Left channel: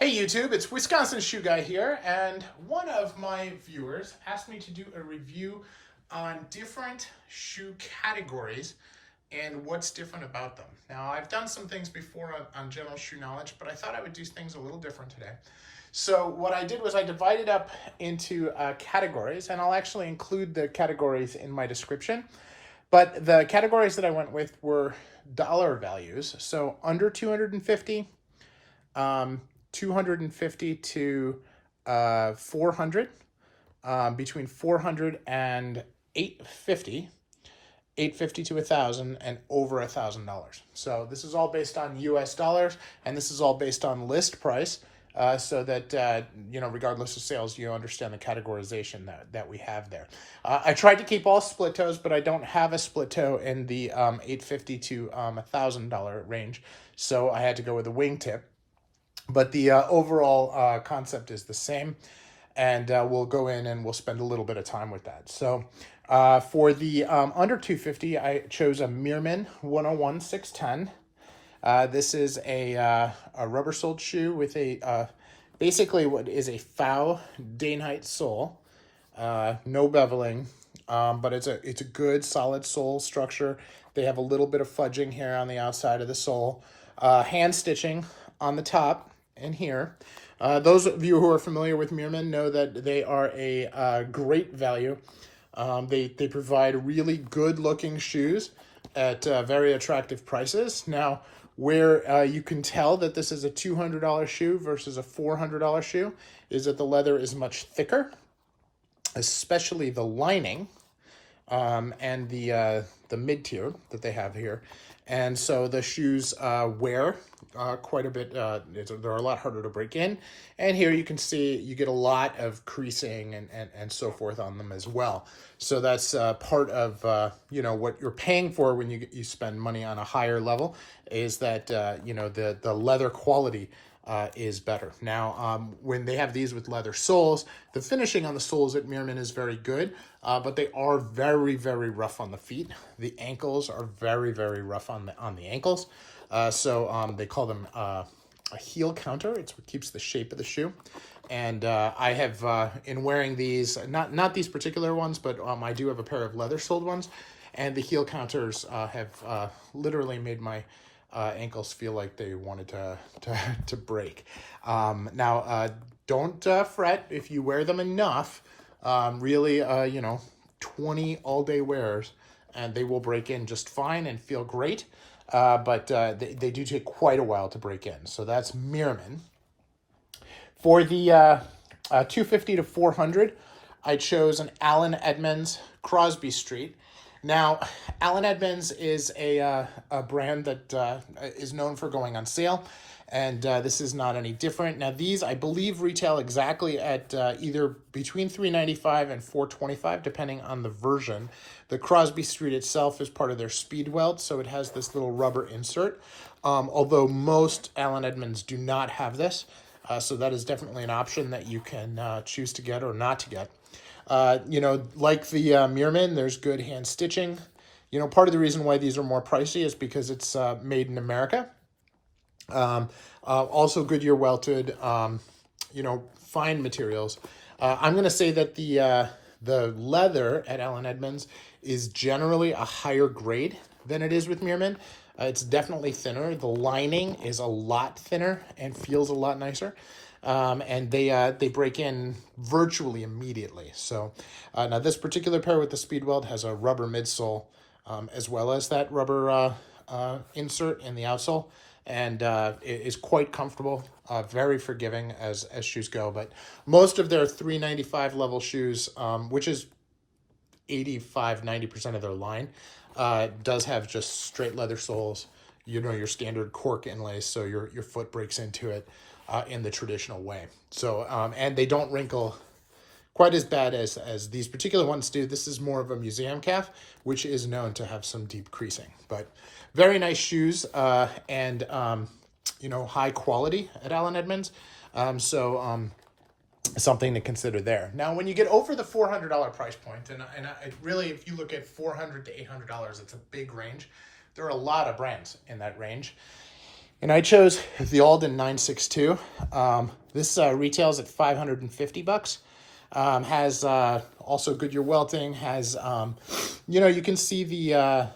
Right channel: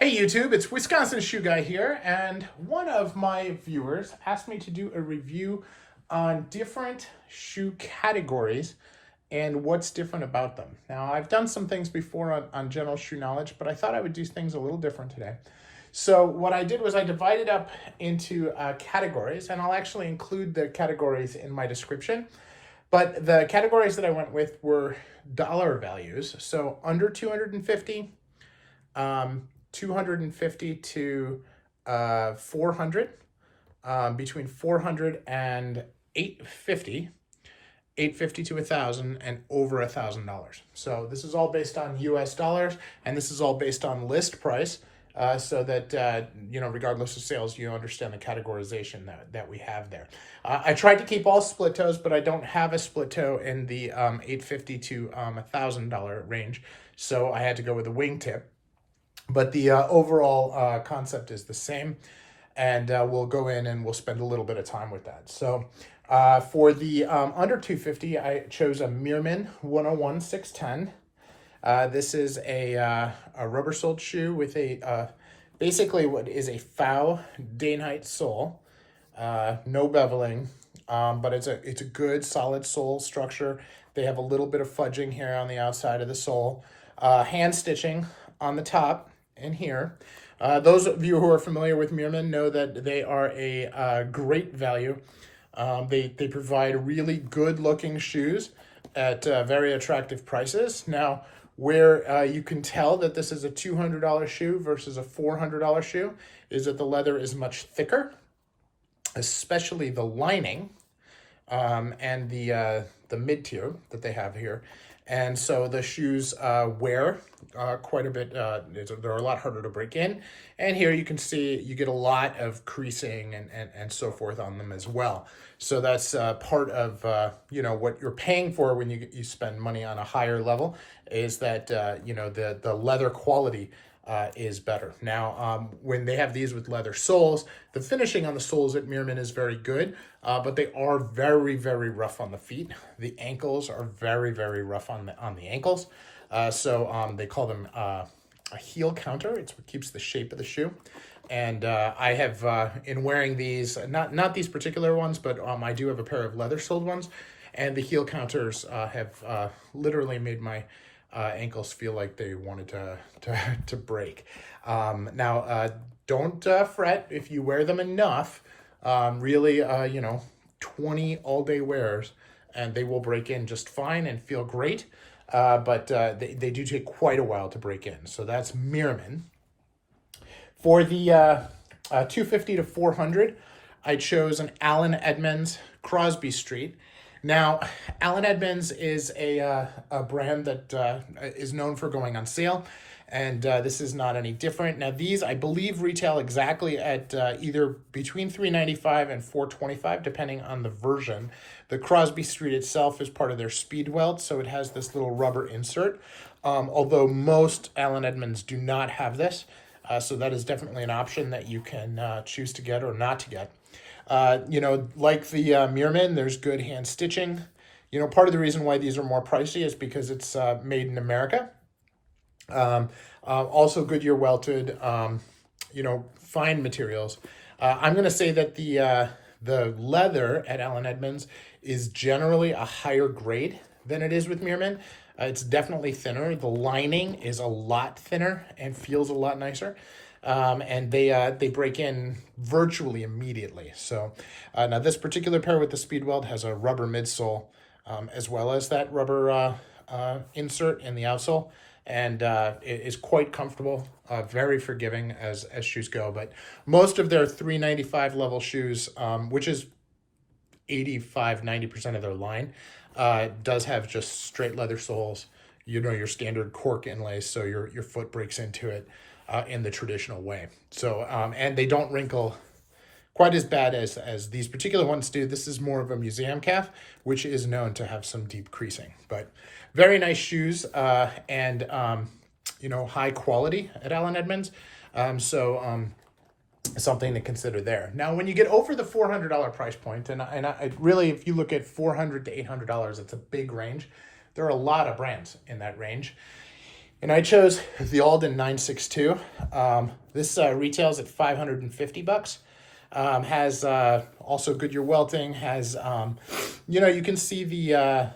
Hey YouTube, it's Wisconsin Shoe Guy here, and one of my viewers asked me to do a review on different shoe categories and what's different about them. Now, I've done some things before on general shoe knowledge, but I thought I would do things a little different today. So what I did was I divided up into categories, and I'll actually include the categories in my description. But the categories that I went with were dollar values, so under 250, 250 to 400, between 400 and 850, 850 to 1,000, and over $1,000. So this is all based on US dollars, and this is all based on list price, so that, regardless of sales, you understand the categorization that we have there. I tried to keep all split toes, but I don't have a split toe in the $850 to $1,000 range, so I had to go with a wingtip. But the overall concept is the same, and we'll go in and we'll spend a little bit of time with that. So for the under 250, I chose a Meermin 101 610. This is a rubber-soled shoe with a basically what is a faux Dainite sole, no beveling, but it's a good solid sole structure. They have a little bit of fudging here on the outside of the sole, hand stitching on the top and here. Those of you who are familiar with Meermin know that they are a great value. They provide really good looking shoes at very attractive prices. Now, where you can tell that this is a $200 shoe versus a $400 shoe is that the leather is much thicker, especially the lining and the mid-tier that they have here. And so the shoes wear quite a bit. They're a lot harder to break in. And here you can see you get a lot of creasing and so forth on them as well. So that's part of what you're paying for when you spend money on a higher level, is that the leather quality is better. Now, when they have these with leather soles, the finishing on the soles at Meermin is very good, but they are very, very rough on the feet. The ankles are very, very rough on the ankles. So they call them a heel counter. It's what keeps the shape of the shoe. And I have, in wearing these, not these particular ones, but I do have a pair of leather-soled ones, and the heel counters have literally made my ankles feel like they wanted to break. Now, don't fret if you wear them enough. Really, 20 all-day wears, and they will break in just fine and feel great. But they do take quite a while to break in. So that's Meermin. For the 250 to 400, I chose an Allen Edmonds Crosby Street. Now, Allen Edmonds is a brand that is known for going on sale, and this is not any different. Now, these, I believe, retail exactly at either between $395 and $425, depending on the version. The Crosby Street itself is part of their speed welt, so it has this little rubber insert, although most Allen Edmonds do not have this, so that is definitely an option that you can choose to get or not to get. Like the Meermin, there's good hand stitching. Part of the reason why these are more pricey is because it's made in America. Also Goodyear welted, fine materials. I'm going to say that the leather at Allen Edmonds is generally a higher grade than it is with Meermin. It's definitely thinner. The lining is a lot thinner and feels a lot nicer. And they break in virtually immediately. So now this particular pair with the speed weld has a rubber midsole, as well as that rubber insert in the outsole, and it is quite comfortable, very forgiving as shoes go. But most of their $395 level shoes, which is 85-90% of their line, does have just straight leather soles, your standard cork inlays, so your foot breaks into it in the traditional way. So and they don't wrinkle quite as bad as these particular ones do. This is more of a museum calf, which is known to have some deep creasing. But very nice shoes, and high quality at Allen Edmonds. Something to consider there. Now, when you get over the $400 price point, and I really, if you look at $400 to $800, it's a big range. There are a lot of brands in that range. And I chose the Alden 962. This retails at $550. Has also Goodyear welting. Has you know, you can see the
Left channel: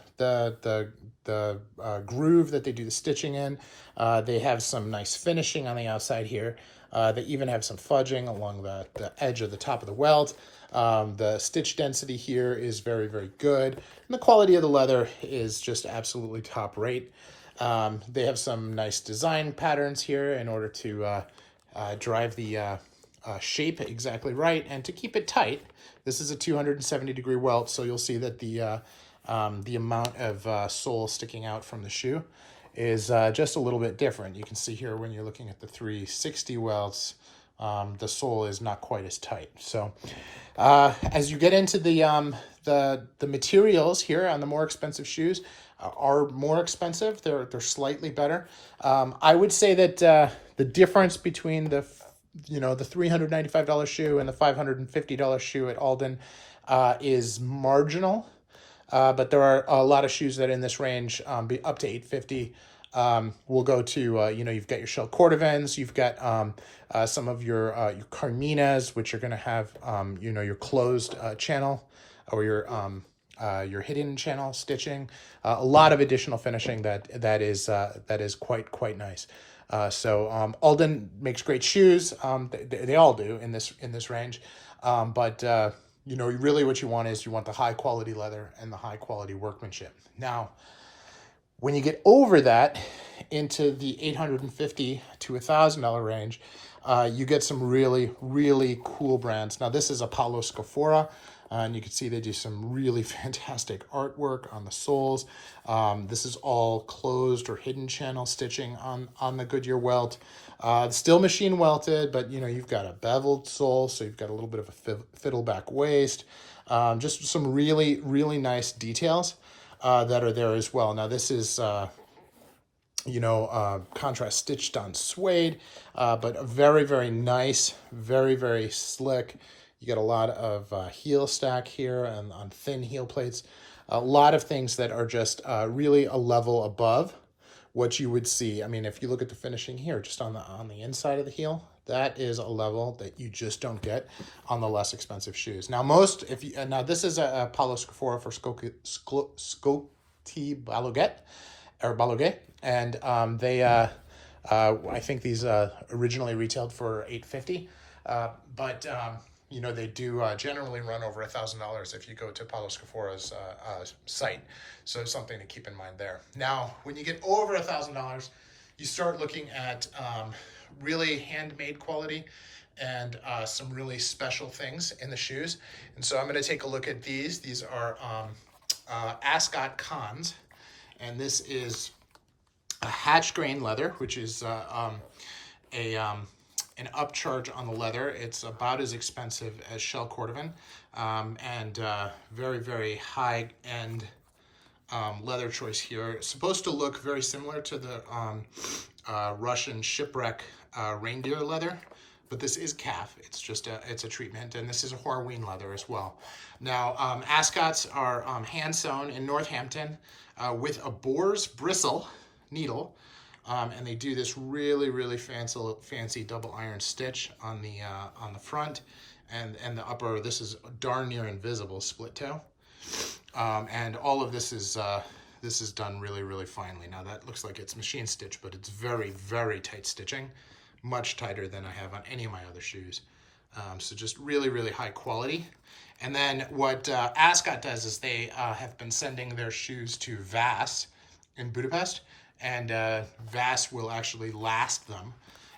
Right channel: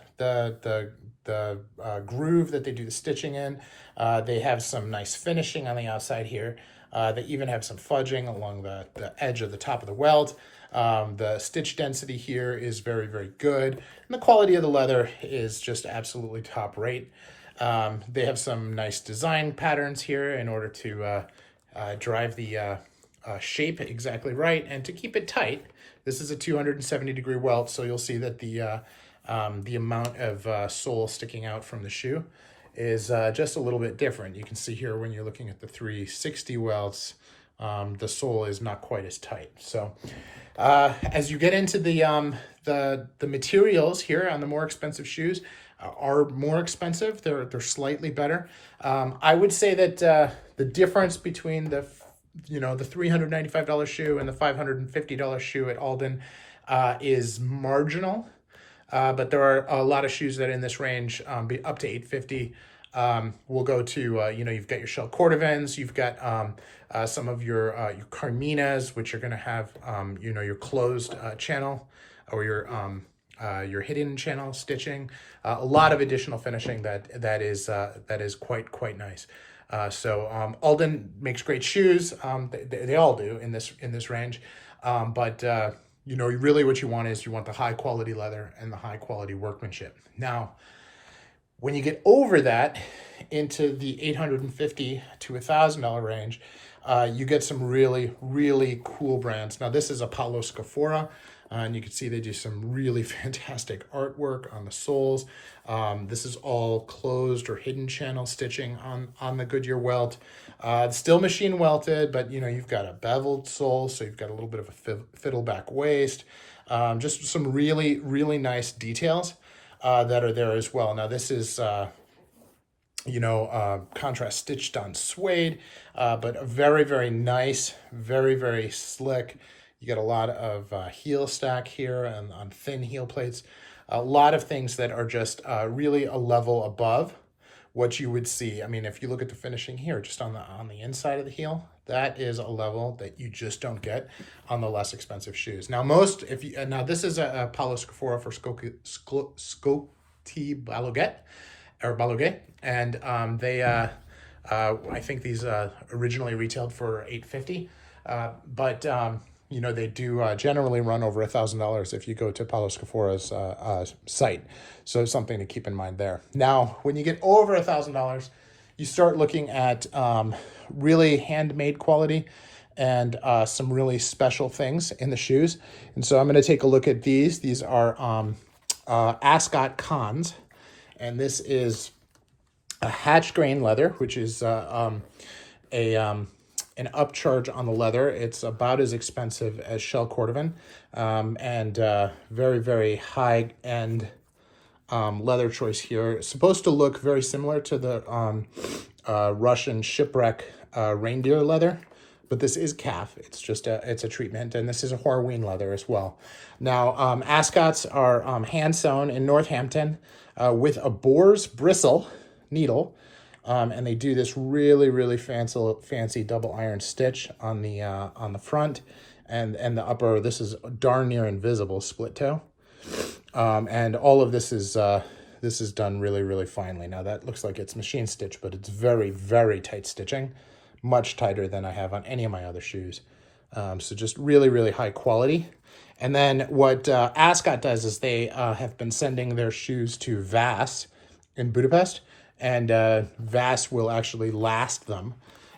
groove that they do the stitching in. They have some nice finishing on the outside here. They even have some fudging along the edge of the top of the welt. The stitch density here is very, very good. And the quality of the leather is just absolutely top rate. They have some nice design patterns here in order to drive the shape exactly right and to keep it tight. This is a 270-degree welt, so you'll see that the amount of sole sticking out from the shoe is just a little bit different. You can see here when you're looking at the 360 welts, the sole is not quite as tight. So as you get into the materials here on the more expensive shoes are more expensive. They're slightly better. I would say that the difference between the $395 shoe and the $550 shoe at Alden is marginal. But there are a lot of shoes that in this range, be up to $850. We'll go to, you've got your shell cordovans, you've got some of your Carminas, which are going to have, your closed channel or your hidden channel stitching. A lot of additional finishing that is quite nice. So Alden makes great shoes. They all do in this range. But really what you want is you want the high quality leather and the high quality workmanship. Now, when you get over that into the $850 to $1,000 range, you get some really, really cool brands. Now, this is Apollo Scaphora, and you can see they do some really fantastic artwork on the soles. This is all closed or hidden channel stitching on the Goodyear welt. Still machine welted, but you've got a beveled sole, so you've got a little bit of a fiddleback waist. Just some really, really nice details that are there as well. Now this is, contrast stitched on suede, but very, very nice, very, very slick. You get a lot of heel stack here and on thin heel plates. A lot of things that are just really a level above what you would see. I mean, if you look at the finishing here, just on the inside of the heel, that is a level that you just don't get on the less expensive shoes. Now, now this is a Apollo Scaphora for Scotty Baloguet, and I think these originally retailed for $850, but they do generally run over $1,000 if you go to Apollo Scaphora's site. So it's something to keep in mind there. Now, when you get over $1,000, you start looking at really handmade quality and some really special things in the shoes. And so I'm going to take a look at these. These are Ascot Cons, and this is a hatch grain leather, which is an upcharge on the leather. It's about as expensive as shell cordovan, and very, very high end leather choice here. It's supposed to look very similar to the Russian shipwreck reindeer leather, but this is calf. It's just it's a treatment, and this is a Horween leather as well. Now, Ascots are hand sewn in Northampton with a boar's bristle needle, and they do this really, really fancy double iron stitch on the front and the upper. This is darn near invisible split toe. And all of this is done really, really finely. Now that looks like it's machine stitch, but it's very, very tight stitching, much tighter than I have on any of my other shoes. So just really, really high quality. And then what Ascot does is they have been sending their shoes to Vass in Budapest, and Vass will actually last them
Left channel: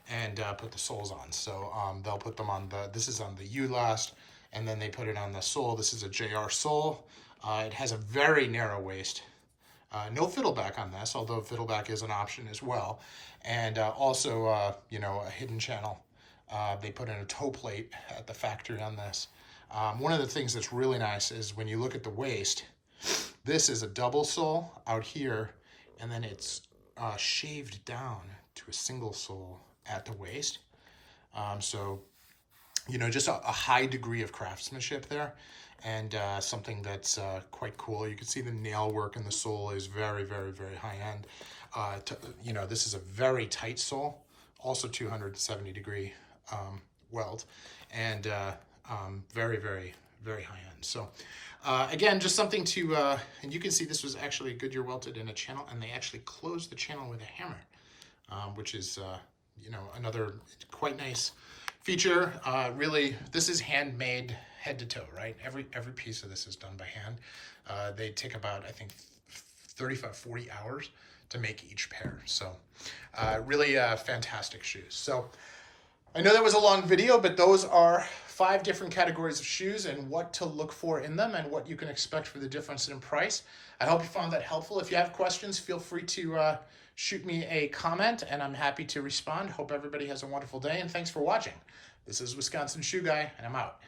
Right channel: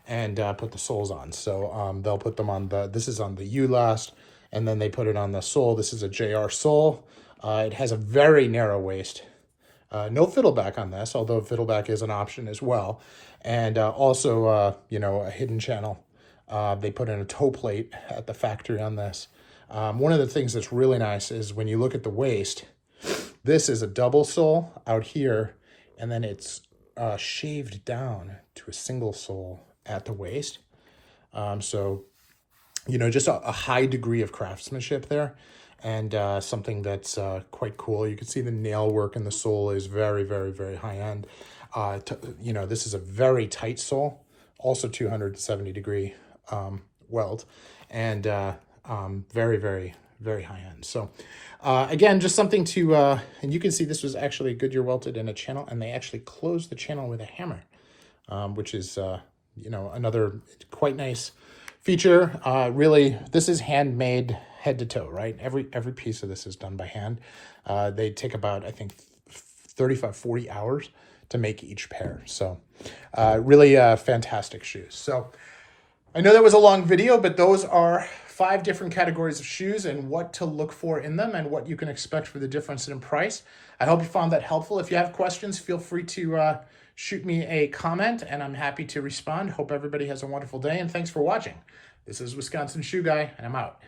and put the soles on. So they'll put them on this is on the U-last, and then they put it on the sole. This is a JR sole. It has a very narrow waist. No fiddleback on this, although fiddleback is an option as well. And also, a hidden channel. They put in a toe plate at the factory on this. One of the things that's really nice is when you look at the waist, this is a double sole out here, and then it's shaved down to a single sole at the waist. So you know, just a high degree of craftsmanship there, and something that's quite cool. You can see the nail work in the sole is very, very, very high end. You know, this is a very tight sole, also 270 degree weld, and very, very, very high end. So again, just something to, and you can see this was actually Goodyear welted in a channel, and they actually closed the channel with a hammer, which is, you know, another quite nice feature. Really, this is handmade head to toe, right? Every piece of this is done by hand. They take about, I think, 35, 40 hours to make each pair. So really fantastic shoes. So I know that was a long video, but those are 5 different categories of shoes and what to look for in them and what you can expect for the difference in price. I hope you found that helpful. If you have questions, feel free to shoot me a comment, and I'm happy to respond. Hope everybody has a wonderful day, and thanks for watching. This is Wisconsin Shoe Guy, and I'm out.